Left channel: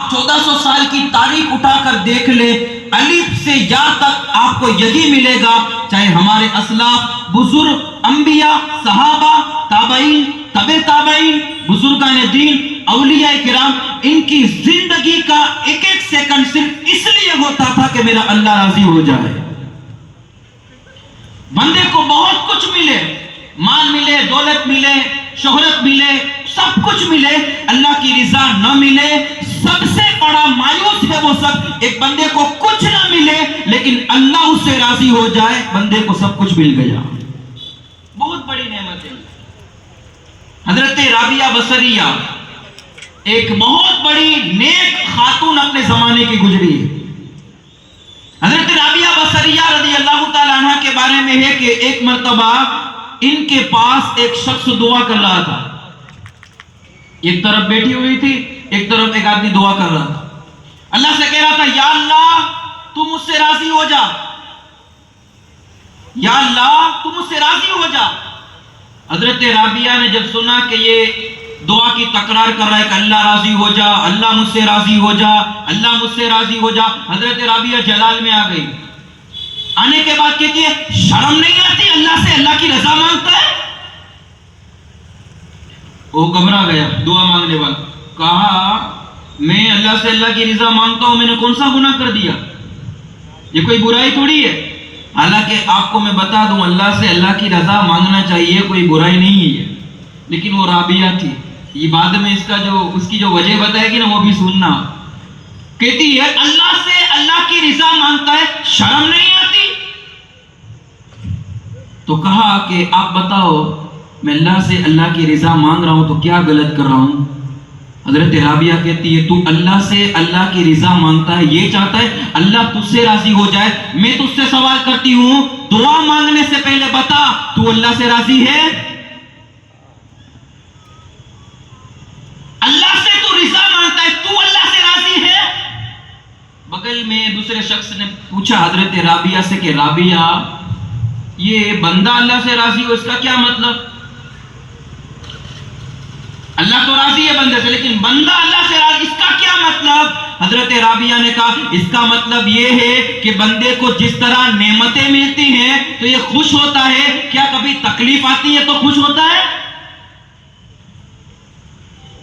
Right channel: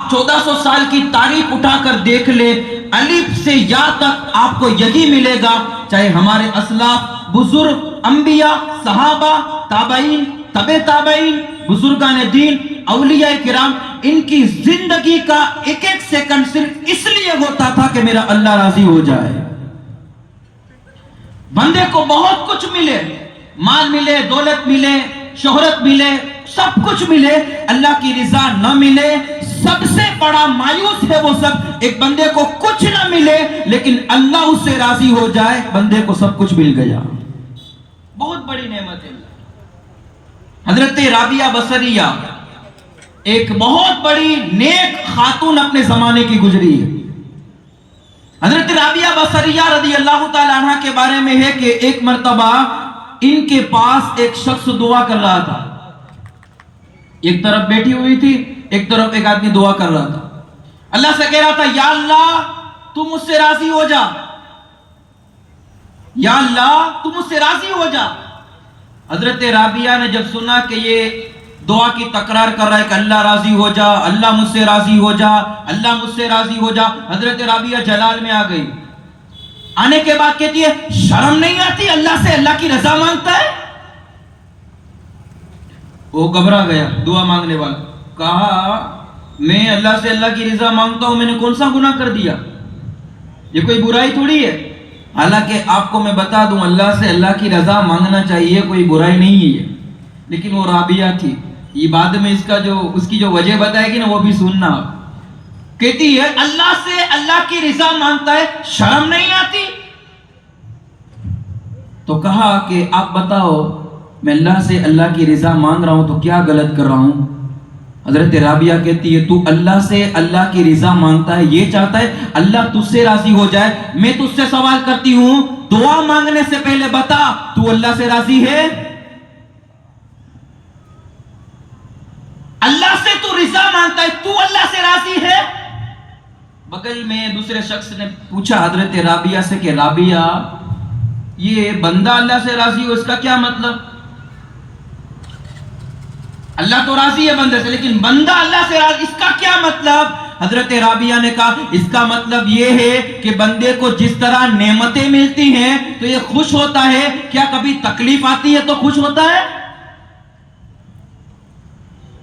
1400 سال کی تاریخ اٹھا کر دیکھ لے، الف سے یا تک آپ کو یہی ملے گا، چاہے ہمارے اسلاف، بزرگ، انبیاء، صحابہ، تابعین، تبع تابعین، بزرگان دین، اولیاء کرام، ان کی زندگی کا ایک ایک سیکنڈ صرف اس لیے ہوتا تھا کہ میرا اللہ راضی ہو جائے۔ بندے کو بہت کچھ ملے، مال ملے، دولت ملے، شہرت ملے، سب کچھ ملے، اللہ کی رضا نہ ملے، سب سے بڑا مایوس ہے وہ سب۔ ایک بندے کو کچھ نہ ملے لیکن اللہ اس سے راضی ہو جائے، بندے کو سب کچھ مل گیا، بہت بڑی نعمت ہے۔ حضرت رابعہ بصریہ ایک بہت بڑی نیک خاتون اپنے زمانے کی گزری ہے۔ حضرت رابعہ بصریہ رضی اللہ تعالی عنہ کے بارے میں ہے کہ ایک مرتبہ ان کے پاس ایک شخص دعا کر رہا تھا، ایک طرف بیٹھی ہوئی تھی، ایک طرف ایک آدمی دعا کر رہا تھا، اللہ سے کہہ رہا تھا یا اللہ تو مجھ سے راضی ہو جا، یا اللہ تو مجھ سے راضی ہو جا۔ حضرت رابعہ نے جب سنا کہ یہ دعا کی تکرار کر رہا ہے کہ اللہ راضی ہو جا، اللہ مجھ سے راضی ہو جا، اللہ مجھ سے راضی ہو جا، حضرت رابعہ جلال میں آ گئی۔ آنے کے بعد کہتی ہے شرم نہیں آتی اللہ سے اللہ کی رضا مانگتا ہے؟ وہ گھبرا گیا دعا مانگنے والا، کہا میں اللہ سے اللہ کی رضا مانگتا ہوں، میں نے کون سا گناہ کر دیا؟ یہ کوئی برائی تھوڑی ہے۔ حالانکہ آپ کو میں بتا دوں اللہ سے اللہ کی رضا مانگنا چاہیے، کوئی برائی نہیں ہے، لیکن وہ رابعہ تھی، یہ بعد میں اس کی جو وجہ بتائے گی نا وہ بھی سننا۔ کہتی ہے اللہ سے اللہ کی رضا مانگتا ہے، شرم نہیں آتی؟ تو کہا کہ آپ بتاؤ میں اللہ سے اللہ کی رضا مانگ رہا ہوں تو کیا غلط کر رہا ہوں؟ حضرت رابعہ کہتی ہے تو اللہ سے اللہ کی رضا مانگتا ہے، یہ چاہتا ہے اللہ تجھ سے راضی ہو جائے، میں تجھ سے سوال کرتی ہوں دعا مانگنے سے پہلے بتا تو اللہ سے راضی ہے؟ اللہ سے تو رضا مانگتا ہے، تو اللہ سے راضی ہے؟ بغل میں دوسرے شخص نے پوچھا حضرت رابعہ سے کہ رابعہ یہ بندہ اللہ سے راضی ہو اس کا کیا مطلب؟ اللہ تو راضی ہے بندے سے لیکن بندہ اللہ سے راضی، اس کا کیا مطلب؟ حضرت رابعہ نے کہا اس کا مطلب یہ ہے کہ بندے کو جس طرح نعمتیں ملتی ہیں تو یہ خوش ہوتا ہے، کیا کبھی تکلیف آتی ہے تو خوش ہوتا ہے؟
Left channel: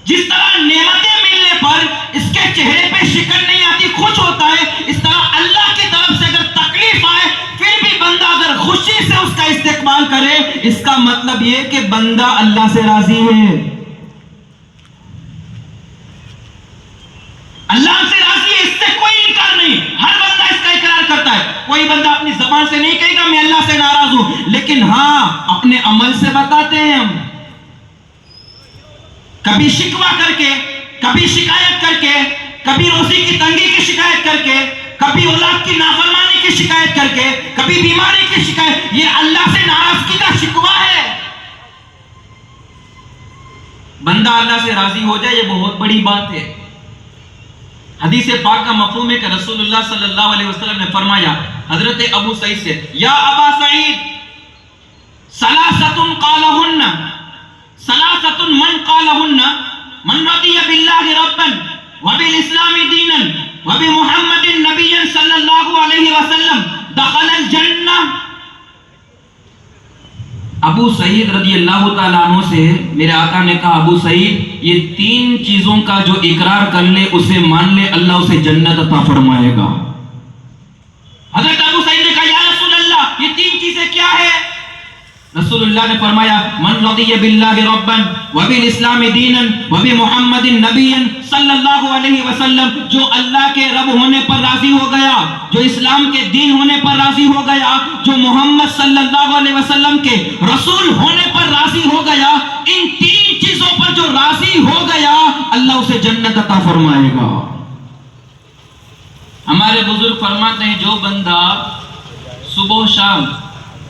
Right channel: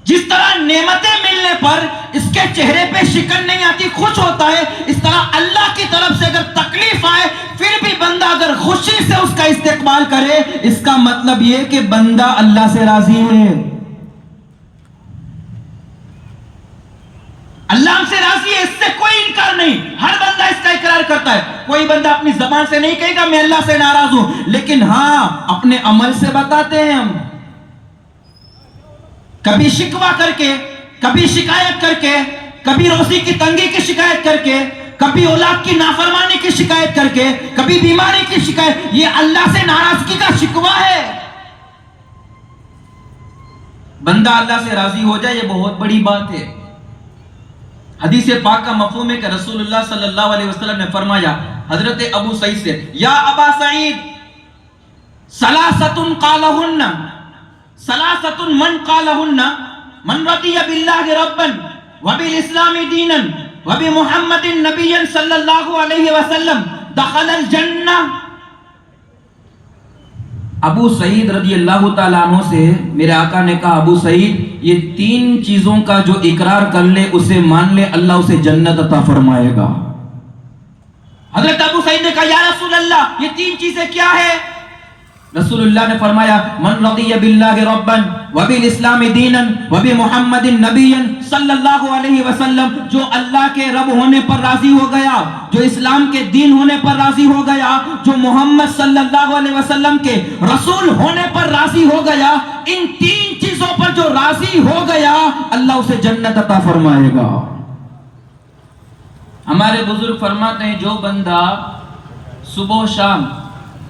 جس طرح نعمتیں ملنے پر اس کے چہرے پہ شکن نہیں آتی، خوش ہوتا ہے، اس طرح اللہ کی طرف سے اگر تکلیف آئے پھر بھی بندہ اگر خوشی سے اس کا استقبال کرے، اس کا مطلب یہ کہ بندہ اللہ سے راضی ہے۔ اللہ سے راضی ہے، اس سے کوئی انکار نہیں، ہر بندہ اس کا اقرار کرتا ہے۔ کوئی بندہ اپنی زبان سے نہیں کہے گا میں اللہ سے ناراض ہوں، لیکن ہاں اپنے عمل سے بتاتے ہیں ہم، کبھی شکوہ کر کے، کبھی شکایت کر کے، کبھی روزی کی تنگی کی شکایت کر کے، کبھی اولاد کی نافرمانی کی شکایت کر کے، کبھی بیماری کی شکایت، یہ اللہ سے ناراضگی کا شکوہ ہے۔ بندہ اللہ سے راضی ہو جائے یہ بہت بڑی بات ہے۔ حدیث پاک کا مفہوم ہے کہ رسول اللہ صلی اللہ علیہ وسلم نے فرمایا حضرت ابو سعید سے، یا ابا سعید ثلاثۃ قالہن، ثلاثۃ من قالہن من رضی باللہ ربا وبالاسلام دینا وبمحمد نبیا صلی اللہ علیہ وسلم دخل الجنہ۔ ابو سعید رضی اللہ تعالیٰ عنہ سے میرے آقا نے کہا ابو سعید یہ 3 چیزوں کا جو اقرار کر لے اسے مان لے اللہ اسے جنت عطا فرمائے گا۔ حضرت ابو سعید نے کہا یا رسول اللہ یہ 3 چیزیں کیا ہے؟ رسول اللہ نے فرمایا من رضی باللہ ربا وبالاسلام دینا وبمحمد نبیا صلی اللہ علیہ وسلم، جو اللہ کے رب ہونے پر راضی ہو گیا، جو اسلام کے دین ہونے پر راضی ہو گیا، جو محمد صلی اللہ علیہ وسلم کے رسول ہونے پر راضی ہو گیا، ان 3 چیزوں پر جو راضی ہو گیا اللہ اسے جنت عطا فرمائے گا۔ ہمارے بزرگ فرماتے ہیں جو بندہ صبح و شام،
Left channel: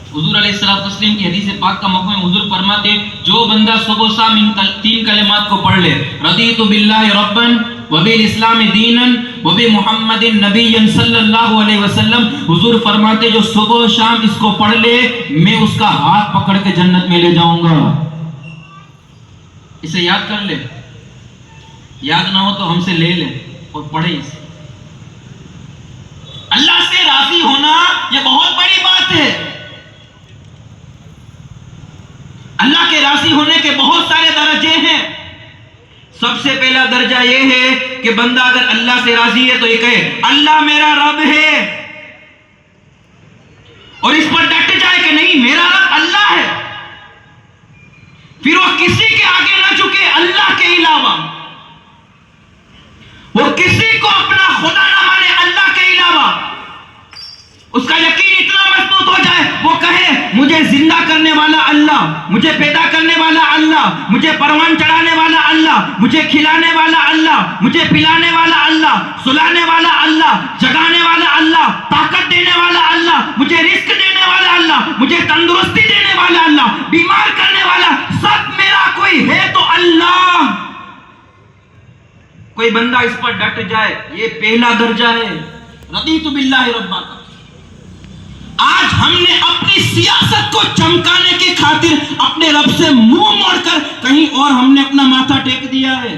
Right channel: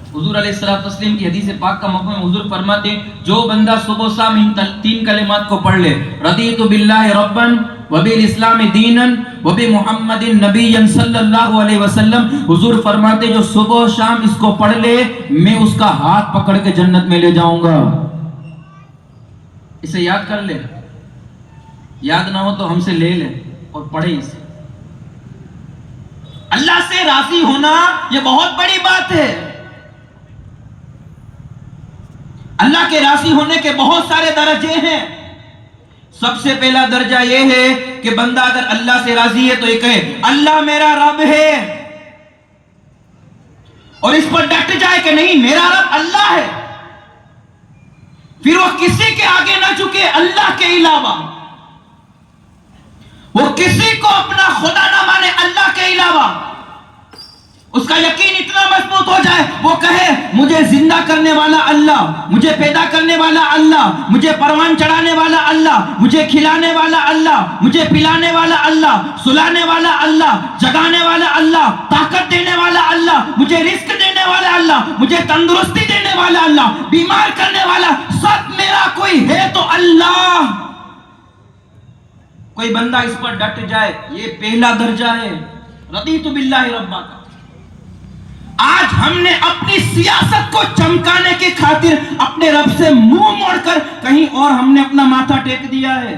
حضور علیہ السلام کی حدیث پاک کا مفہوم حضور فرماتے ہیں جو بندہ صبح و شام ان 3 کلمات کو پڑھ لے، رضیت باللہ ربا وبالاسلام دینا وبمحمد نبیا صلی اللہ علیہ وسلم، حضور فرماتے جو صبح و شام اس کو پڑھ لے میں اس کا ہاتھ پکڑ کے جنت میں لے جاؤں گا۔ اسے یاد کر لے، یاد نہ ہو تو ہم سے لے لے، اور پڑھے اسے. اللہ سے راضی ہونا یہ بہت بڑی بات ہے. اللہ کے راضی ہونے کے بہت سارے درجے ہیں. سب سے پہلا درجہ یہ ہے کہ بندہ اگر اللہ سے راضی ہے تو یہ کہے اللہ میرا رب ہے, اور اس پر ڈٹ جائے کہ نہیں میرا رب اللہ ہے. پھر وہ کسی کے آگے نہ جھکے اللہ کے علاوہ, وہ کسی کو اپنا خدا نہ مانے اللہ کے علاوہ. اس کا یقین اتنا مضبوط ہو جائے وہ کہے مجھے زندہ کرنے والا اللہ, مجھے پیدا کرنے والا اللہ, مجھے پروان چڑھانے والا اللہ, مجھے کھلانے والا اللہ, مجھے پلانے والا اللہ, سلانے والا اللہ, جگانے والا اللہ, طاقت دینے والا اللہ, مجھے رزق دینے والا اللہ, مجھے تندرستی دینے والا اللہ, بیمار کرنے والا, سب میرا کوئی ہے تو اللہ. کوئی بندہ اس پر ڈٹ جائے یہ پہلا درجہ ہے رضیت باللہ ربا کا. آج ہم نے اپنی سیاست کو چمکانے کی خاطر اپنے رب سے منہ موڑ کر کہیں اور ہم نے اپنا ماتھا ٹیک دیا ہے.